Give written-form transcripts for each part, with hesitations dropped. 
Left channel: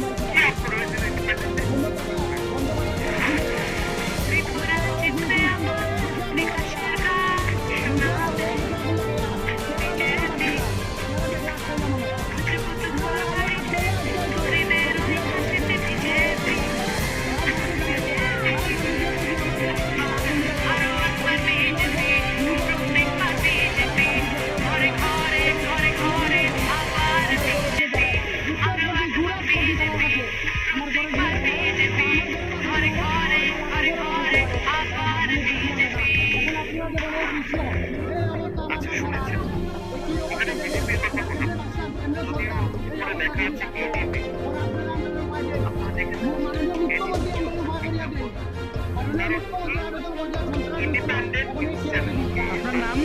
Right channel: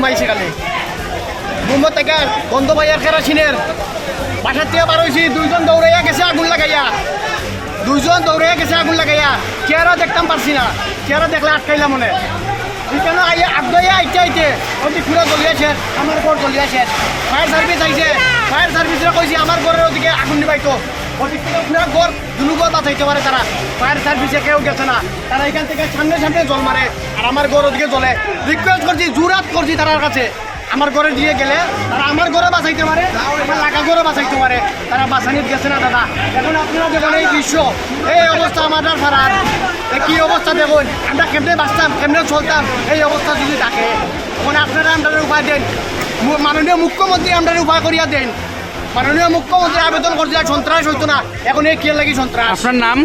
ঘুমাইছে কেন ঘুমো থেকে বন্ধ ভাইয়ার কেরাসিনের বাসার থেকে বার হয়েছি দুইজন দৌড়াইয়া গেছে আগুন লাগাইয়া চেহারা দেখতাম পারছি না চেহারা দেখলে আটকাইলাম মনে এখানে আগে আইতে ওদিকে পুরো জ্বলিয়েছে আমার ঘর জ্বলিয়েছে ফায়ার সার্ভিস আইছে ফায়ার সার্ভিসরা কইছে আমার ঘরের ওদিকে আগুন নিবাইতো ওদিক থেকে পুরো ঘর দুলুগর বাঁচাইতে পারে তারা ফায়ার সার্ভিসে কেউ গেছে না তারা এখান থেকে সামনে জল মারে আর আমার ঘর ওদিকে জ্বলে রিকোয়েস্ট করছি জোরাত করছি তার কাছে আমার ঘরে দিয়ে গেলে তারা আমার ঘরে বাঁচাইতে পারে আমার লাগা ঘরে বাঁচাইতে পারে তারা বাঁচানিত গেছে না দাদা এখন আপনারা দেখুন এই দৃশ্য এই অবস্থা আমাদের ফারার কি অবস্থা দেখুন আমরা কেমনে বাঁচতাম কেমনে চলতাম এই অবস্থা যদি থাকে এখন আপনারা আমরা উপায় দেন মাননীয় মুখ্যমন্ত্রী আমরা উপায় করিয়া দেন মাননীয় মুখ্যমন্ত্রী আবেদন করছে সন্ত্রাস হইতো না এখন এই কে লাগি সন্ত্রাস আপনার নাম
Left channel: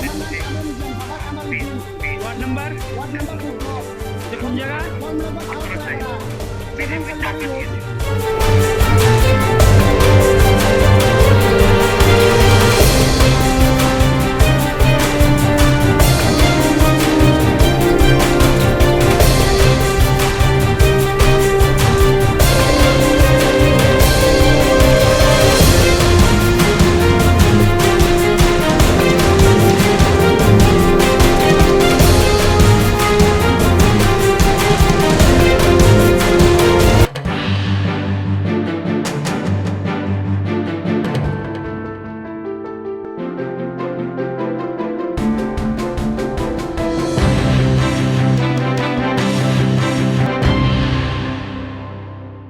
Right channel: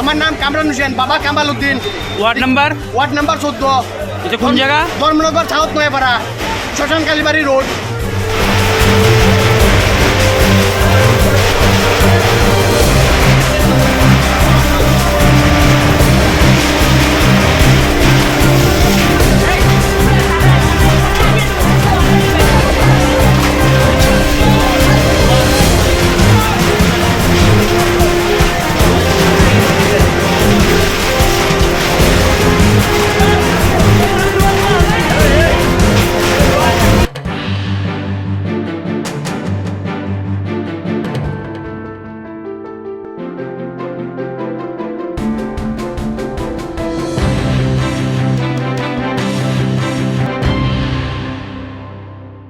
আমার নাম কামরান হোসেন বাবা কামাল উদ্দিন ওয়ার্ড নাম্বার 14 এটা কোন জায়গা ধর্মনগর সাউথ নয়াপাড়া শ্মশান কালীবাড়ি রোড